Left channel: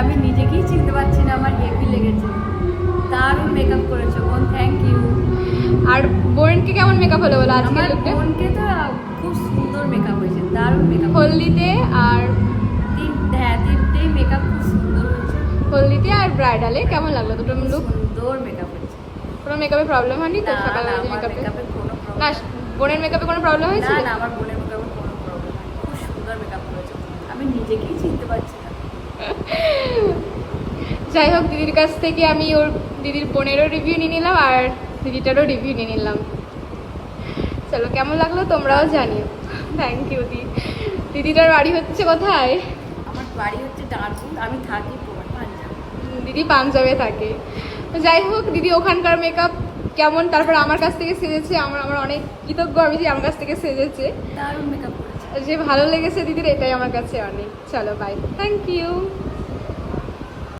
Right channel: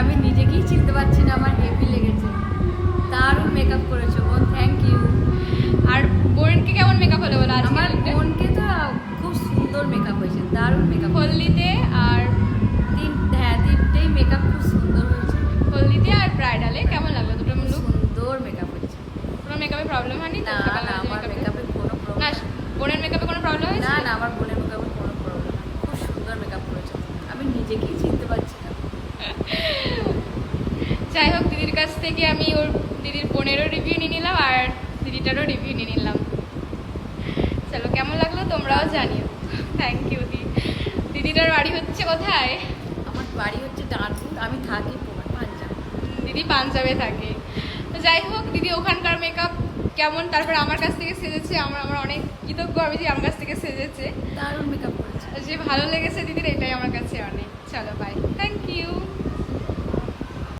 আমি নিজেকেই চিনতে পারছি না, আমার হেভি লেগেছে। দারুণ মেকআপ করেছো বোন, থ্যাংক ইউ। আর বোনকে কেমন মেকআপ হলো বলো? আমার বোনকে তো খুব সুন্দর মেকআপ হয়েছে, দারুণ মেকআপ। হলদিতে আর তিনটেই মেকআপ খুব সুন্দর হয়েছে। হলদিতে আর ব্রাইডালে কেমন লাগলো দুটো লুক? সুন্দর মেকআপ হয়েছে। কোনো মেকআপে প্রবলেম হয়নি তো? না না, আমার মেকআপে কোনো না, প্রবলেম। বোনের মেকআপে কোনো প্রবলেম হয়েছে? না না, আমার বোনের মেকআপে কোনো প্রবলেম নেই, খুব সুন্দর মেকআপ করেছে। আমি নিজেকেই চিনতে পারছি না। যাই হোক, দিদির কাছ থেকে আমি ওর দিদির বোনেরও রিভিউ নিয়ে নিলাম আর দিদিটারও রিভিউ নিয়ে নিলাম। চলো, কেমন লাগলো তোমরাও জানিও। থ্যাংক ইউ দিদিটার বাড়ি হচ্ছে কোথায়? আমার বাড়ি হচ্ছে ডানকুল, আমি থাকি পাঞ্জাব। দিদি পাঞ্জাবে থাকে। তো যাই হোক, দিদি ওখানকার মেকআপ কেমন, তারপর আমার কাছ থেকে সেজেছে, আমার অনেক কৃতজ্ঞ আমি যে আমার কাছ থেকে সেজেছে। দারুণ মেকআপ করেছে। যে ভালো লেগেছে দিদির, এটাই আমার কাছে অনেক। চলো বাই, থ্যাংক ইউ।